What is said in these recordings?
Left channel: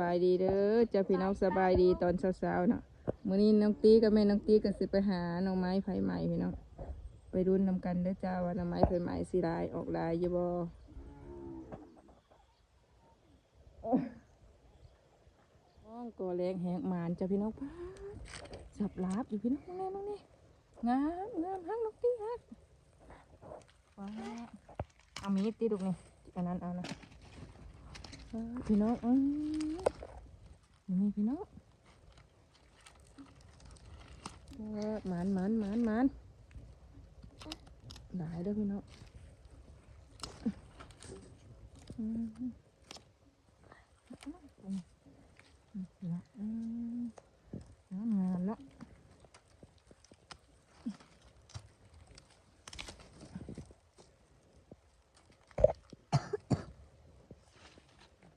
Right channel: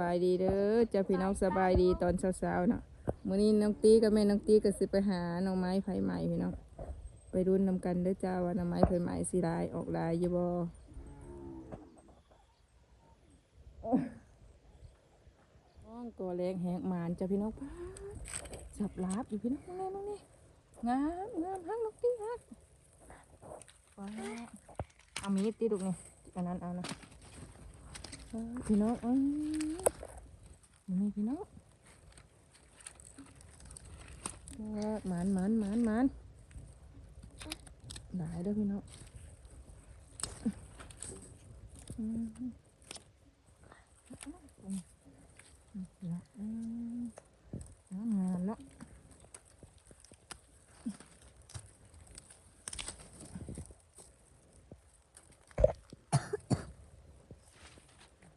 บายดีเด้อเจ้าพี่น้องสบายดีตอนเช้าๆเนาะมื้อนี้น้องตีกับแม่น้องตีก็สิไปหาหน่อไม้ไผใหม่พี่น้องไปรุนนำกันเด้อจ้าว่าหน่อไม้ไผใหม่สิลายออกลายอยู่บ่น้องก่อแรงแหกหมานจ้าพี่น้องสับลาบอยู่พี่น้องนั่นนี่งามงามฮักน้องตีฮักว้าเอามีดตีลูนี่อันนั้นเอานะ พี่น้องอืมนี่พี่น้องลากหมานหมานหมานหมานหลายด้อพี่น้องอืมอืมอืมอืมงามงามเนาะ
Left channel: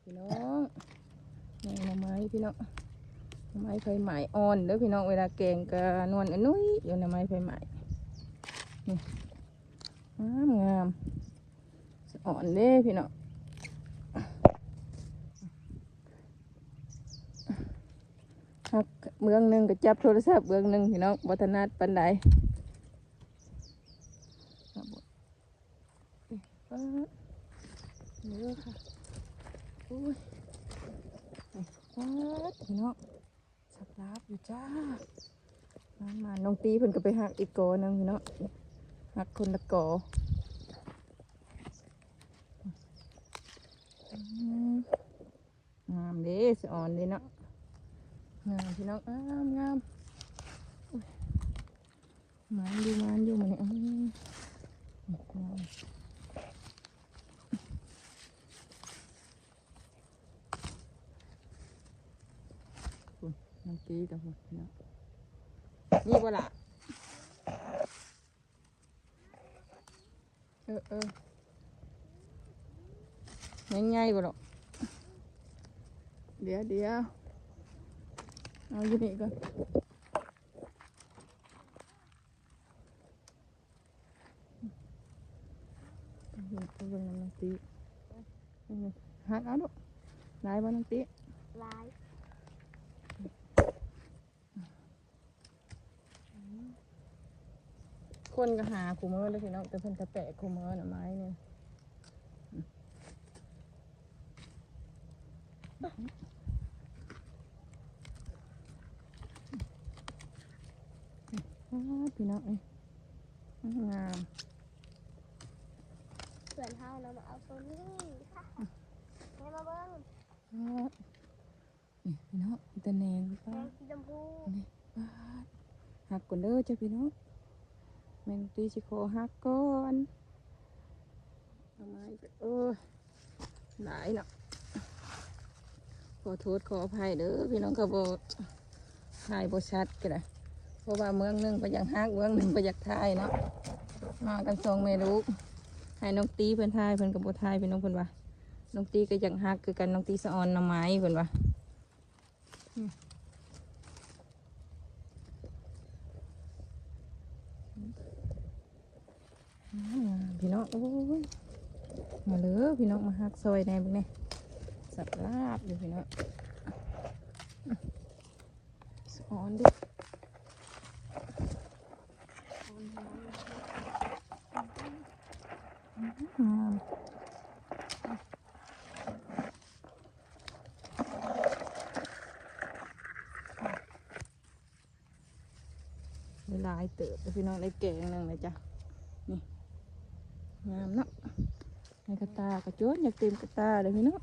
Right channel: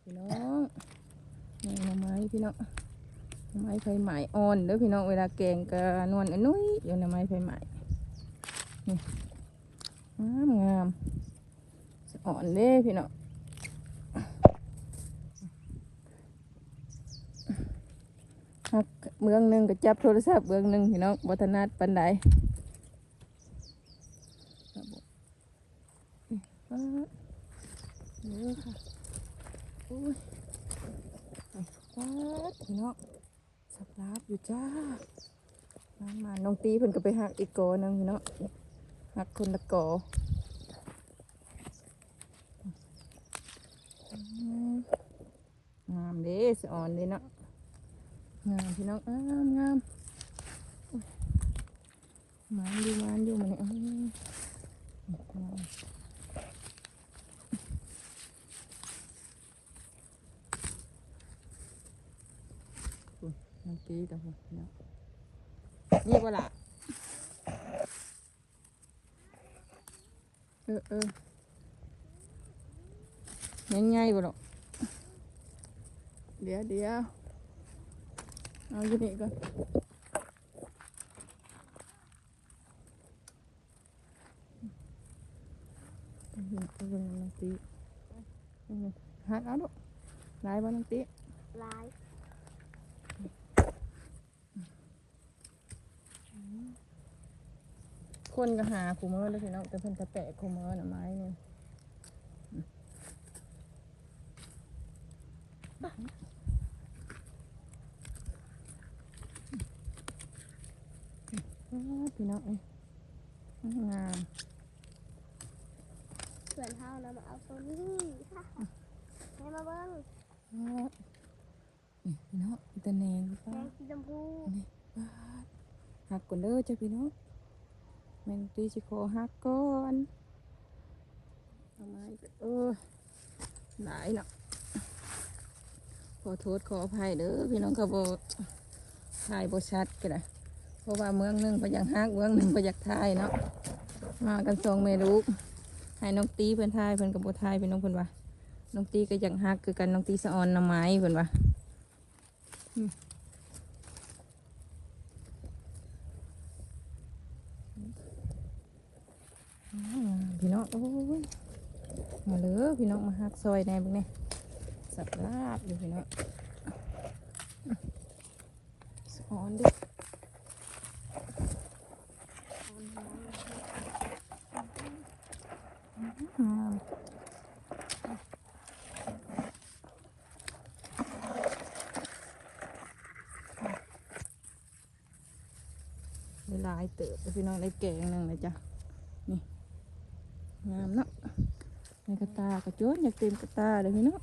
พี่น้องนี่หน่อไม้ พี่น้องไม้ไฟใหม่อ่อนเด้อพี่น้องเวลาแกงก็นวลอันนุ้ยอยู่หน่อไม้ไฟใหม่นี่งามงามอ่อนเด้พี่น้องครับเมืองหนึ่งก็จับโทรศัพท์เมืองหนึ่งพี่น้องวัฒนัดปันไดครับผมนี่เออเยอะค่ะโอ้ย ไปป๊าพี่น้องสับลาบอยู่จ้ามามาน้องตีเพิ่นก็ไปหักอีกกอนึงพี่น้องหักคนละกออืมงามเด้สอ่อนเด้เนาะงามพี่น้องงามงามมันอยู่มันอยู่มันเนี่ยอื้องาม น้ำตีกับหัวเนาะนี่บ่ล่ะอืออือง่ายๆบ่หรอกเดี๋ยวเดี๋ยวเอาที่นี่ก่อนอือหืออือหือน้ำตีอือหือหักเอาลูกลายบ่น้ำตีลาย คนก็หาคูเมอร์เลยพี่น้องแต่เพิ่นกระแตะคูเมอร์น่ะไม้เนี่ยอ้าวพี่น้องเอ้ยงามเพื่อนเฮานะมาเอาตัวนี้ค่ะให้มาเบิ้งอ้าวนี่พี่น้องตะแนงแดป้างสีชมพูนี่ป้าดหักก่อนเด้อจ้ะพี่น้อง แมนตีสิคอหักก่อนเอาไม้เออหลายเนาะขอโทษขออภัยเด้อพี่น้องเขาบอถ่ายบชัดกันนะเพราะว่าเมืองหนึ่งไปอยากฮักเมืองหนึ่งไปอยากถ่ายเนาะมากันทรงเมลูกให้น้องตีเพิ่อนถ่ายเพิ่อนกับบถ่ายพี่น้องเพิ่นว่าน้องตีก็อยากฮักคือกันน้องตีสะออนหน้ำไม้เพิ่นว่าอืมอืมพี่น้อง โอ้ยมาเลยพี่น้องมาฮักซอยแหน่เบิ่งแหน่สับลาบอยู่พี่เนาะสอนดิงามหลายเติบเลยพี่น้องได้แกงหนึ่งเลยจ้ะนี่ งามเนาะนี่กระตากระโจนอยากเต็มกระตาเลยพี่เนาะ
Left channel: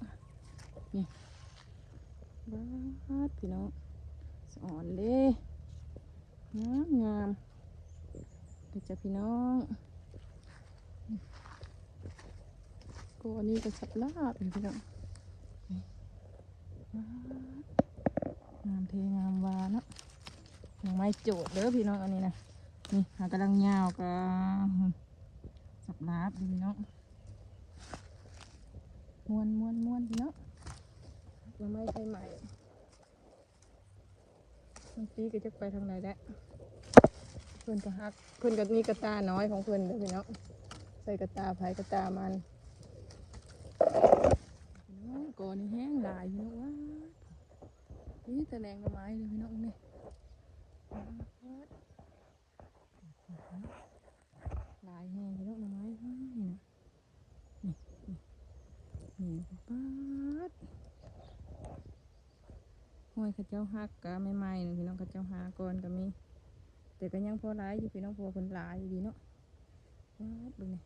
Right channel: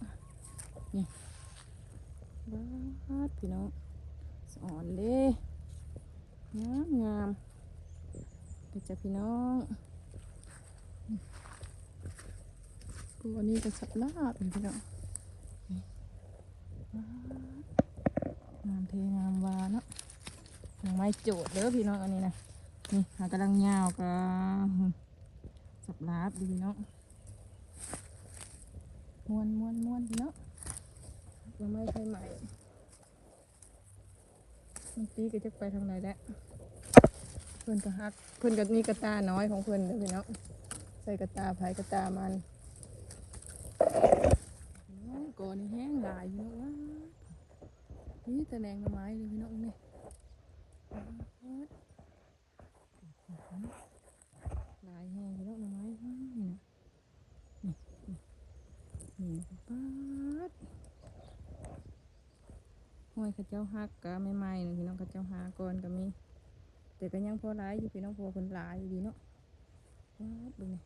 บาพี่น้องสอนเด้งามงามเดี๋ยวจะพี่น้องตัวนี้ก็สับลาบพี่น้องนี่บาดงามเทงามวาเนาะยังไม่โจดเด้อพี่น้องอันนี้นะนี่หากำลังยาวกัน สับลาบดูพี่น้องม้วนม้วนม้วนพี่น้องยังไม่ใช่ใหม่น้องตีก็จะไปทางไหนแล้วเพื่อนก็ฮักเพื่อนก็มีกระตาน้อยของเพื่อนเด้อพี่น้องใส่กระตาไผ่กระตามันก่อนนี่แห้งหลายพี่น้องว่านี่แต่แดงละไม้เลยพี่น้องนี่ลายแห้งพี่น้องละไม้นี่นะนี่นี่นี่ป๊าดห้ อยข้าเจ้าหักกะไม่ไหม้เลยพี่น้องข้าเจ้าหาก่อนก็มีแต่ก็ยังพอร้ายอยู่พี่น้องพอคนร้ายอยู่ดีเนาะป๊าดดูนี่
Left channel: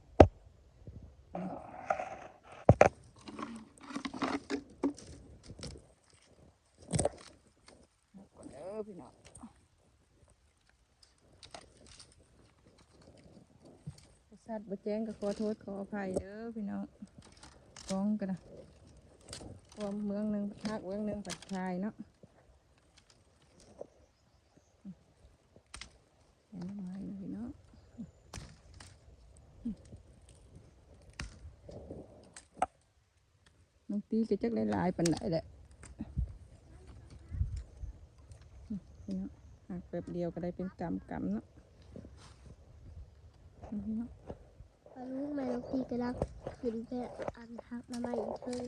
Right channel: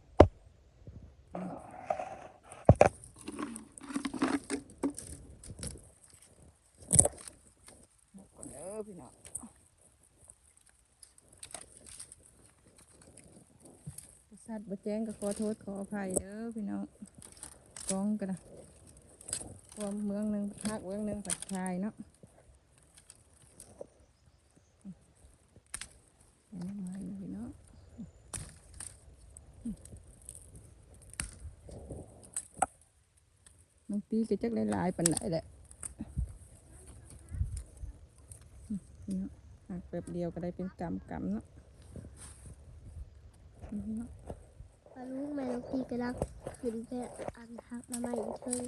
ก่อนเด้อพี่น้องสัตว์บะแจ้งก็ขอโทษขออภัยเด้อพี่น้องกองกันนะความเมืองหนึ่งภาคเมืองหนึ่งปัดชายเนาะเห็นไหมเลยพี่น้อง ตีก็จักได้หลายปันไหนแหละแบบเดียวก็ได้เป็นกำกำๆเนาะเนาะปลาลูกแมวพี่กระลักขึ้นแต่อันหักมาใหม่อีกเธอ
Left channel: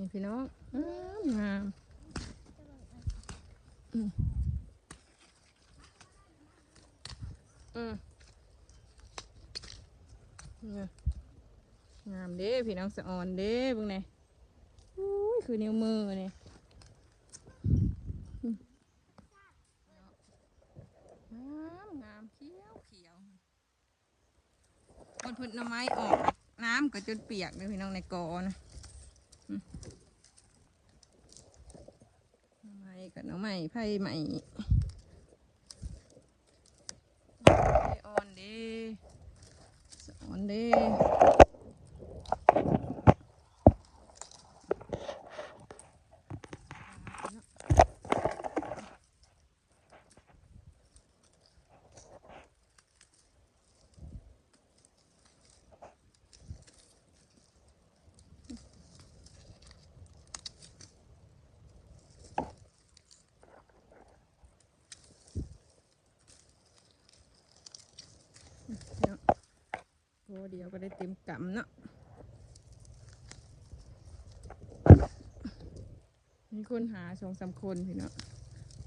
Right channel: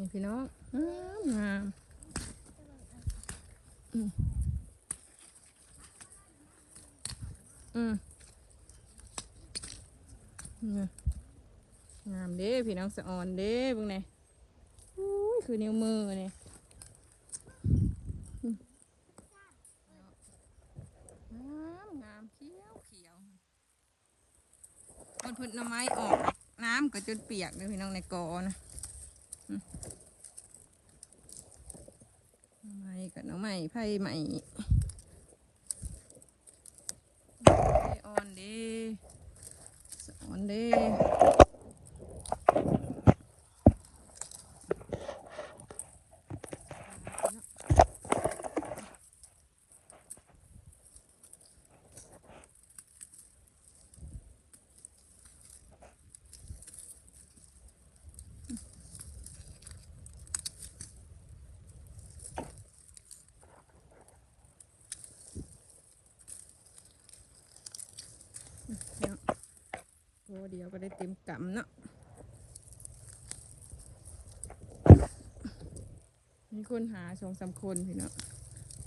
นี่พี่น้องงามงามอืมอืมนี่งามเด้พี่น้องสะออนเด้เบุ้งเนี่ยอุ้ยคือนิ้วมือเนี่ยอืมงามงามเขียวเขียวคนพืชหน้ำไม้ออก น้ำก็จนเปียกเลยพี่น้องในกอนะ ไม้กับน้องใหม่ไพ่ใหม่ไพ่อ่อนเดีสะอ่อนเดี เดียวก็ได้เต็มกำเนาะมีคนหาสองสามคนพี่เนาะ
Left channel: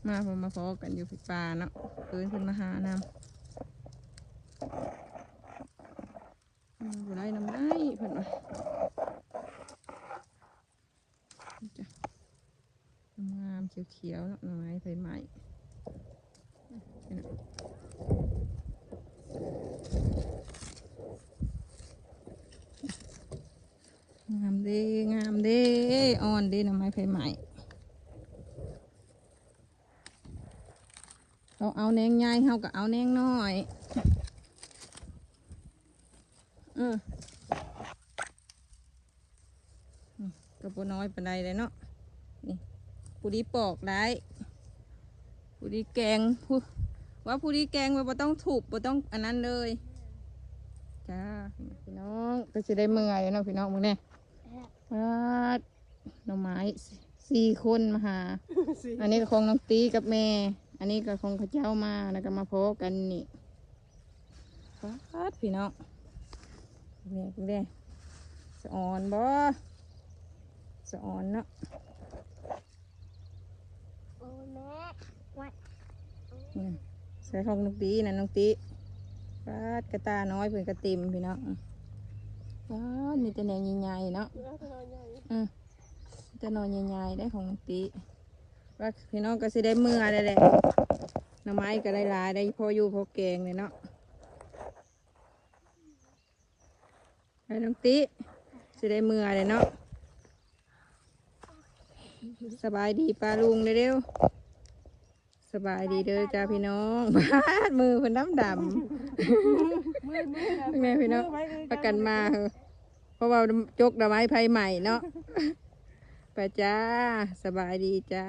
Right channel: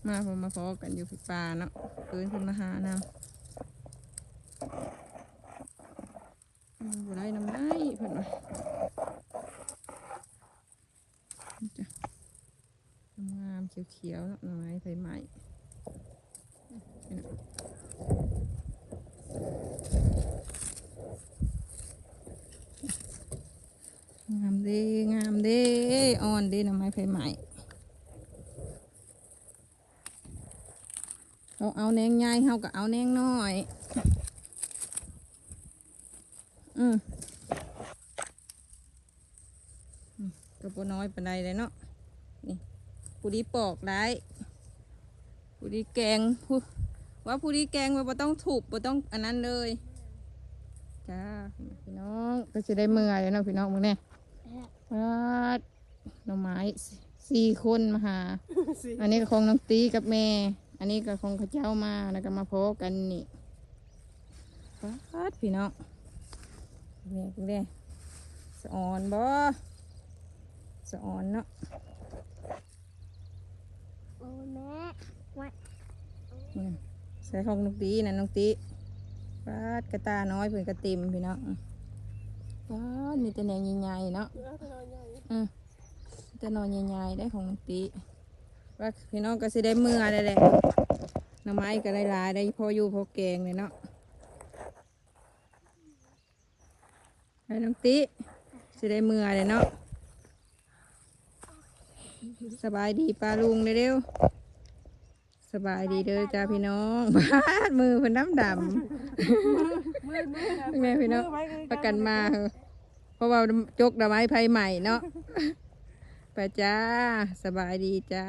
มาพอมาพอกันอยู่พี่ปลาเนาะเอินคนมาหานำได้นำได้เพิ่อนว่าจ้ะงามเขียวๆนาะหน่อไม้ใบไม้นี่เนาะ งาม เด้งามเด้อ่อนเด้หน่อไม้ไผ่ใหม่เราเอาแนงใหญ่เขาก็เอาแนงน้อยอืมอืมก็บ่น้อยปานใดเลยเนาะนี่ผู้ดีปอกได้ผู้ดีแกงผู้ว่าผู้ดีแกงว่าต้องถูกบ่ต้องอันนั้นเลยจ้าพี่น้องก็จะได้เมื่อยแล้วเนาะพี่น้องมึงเนี่ย วัดหน่อไม้สี่คนมาหา อันนี้ก็คงน้องตีกับแม่ อันนี้ก็คงเข้าเจ้ามาแล้วก็มาพบกันนี่วัดพี่น้องแม่นี่เป็นไงสะออนบ่สะออนเนาะโอ้ยแม่วัดนี่ใส่ของน้องตีนะน้องตีปาดกระตาน้อยเพื่อนกระติมพี่เนาะปาดมีแต่แหนงใหญ่ๆเนาะ อืมมีแต่นอนใหญ่ๆได้ของน้องตีว่าพี่น้องก็สิได้เมื่อได้แหละหน้ำไม้ก็ได้หลายได้พออยู่พอแกงเลยเนาะให้น้องตีสิได้เมื่อเลยเนาะสบายดีป้าลุงเร็วๆสบายดีเด้อจ้าพี่น้องบาดมือเพิ่นน้ำดำแม่พี่น้องประกันมาเหอะเพราะว่าจกดอกไม้ไผ่ใหม่เนาะ ไปจ้า สบายดีจ้า